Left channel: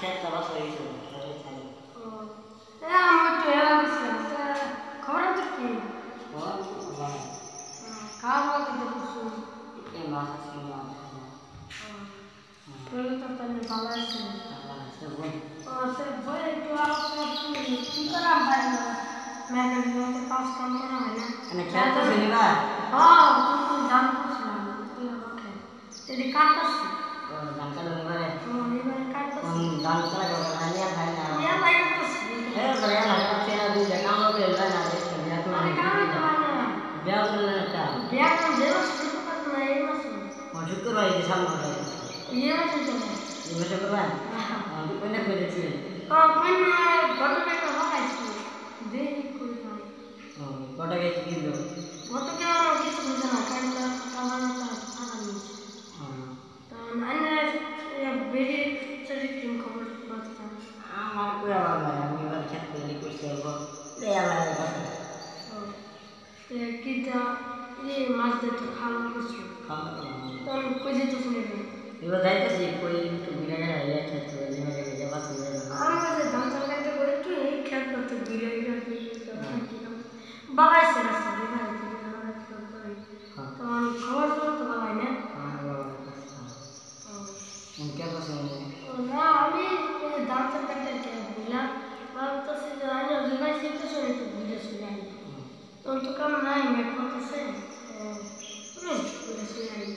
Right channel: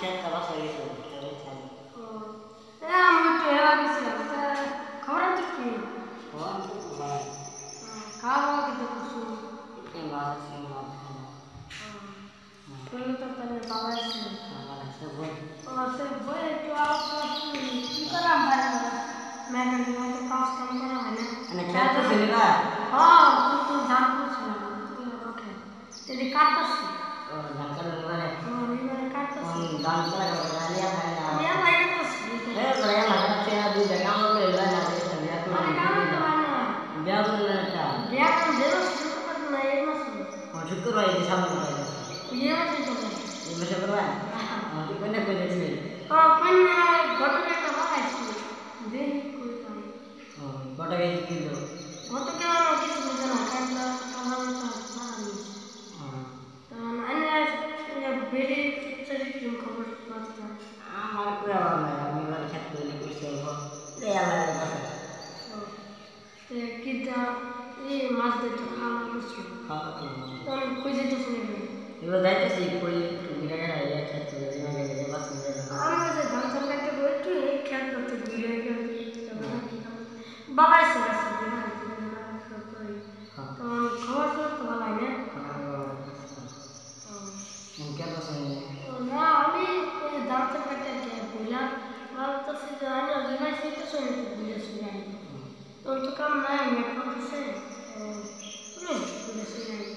খেতটা বাসা গেছে খেতে চাই আমি তো এবার গেছিলাম খবর আছে কি ফোন বানাই খাওয়া দাওয়া কিন্তু করছো এটা মাছ আছে মাছ ভালো পরে তো তাহলে ভালো আছে বানাইছে বল ও সে বই একটু আলোচনা কি করাম ভাই মেকানিক তো কাজ কাম করা হয় না মানে খেত তো নিবা হ্যাঁ কিন্তু ধান করছিলাম রকে যদি কাটতাছি ও ধান কাটো নিবারে নিবার কাটতাছি ধান চালা করে রানিয়া খাই না ইয়া লাগাতাছি বড় লাগা আছে না দুই টাকা আমরা বেলবা না রে বিয়া করে আরে কামে তো হয় না বিয়া করলে না বিয়া কাম দেবো শুরু করতে না এই মাসে শুক্রবার এই সামনে কথা এই মাসে চলে এই মাসে করবা কোনে কই দেখছি কোন ঘটনা একটা বাড়াইছি দেরি করে পাই কটা গেছি কিলো গত কেমন কিছু বুঝে না কাটটা কামার মতো ভাড়া নিয়েছে তখন আনে বেরিয়ে চলে কিরম খবর পাচ্ছি আমার কই আবার নাই আমি এবার খেত তৈরি করছি রে আল্লাহ কথা কিটা মাছ দিতে খাওয়া করছো খাওয়া তখন কই যেতে শুনে এবার যাইতেছি কই একটু ঘুরে গেলে ইয়া খেত করে জিমে গেলে বাস করে আমি যে ধান চাল কাটতে বই একটু এই খেত করতে ঘুরে গেছি বাবাইছে রাস্তা দিয়ে বাড়াইছে তখন খবর ছিল তো বলাই না না আমি ধান চাল কাটতে বললাম ভাবতেছি যে আমি ভাই শীতে শুনে একটু ঘুরে শুনে আনি তখন তো কাম নাই মেঘ করতেছে ঘুরে শুনে আনি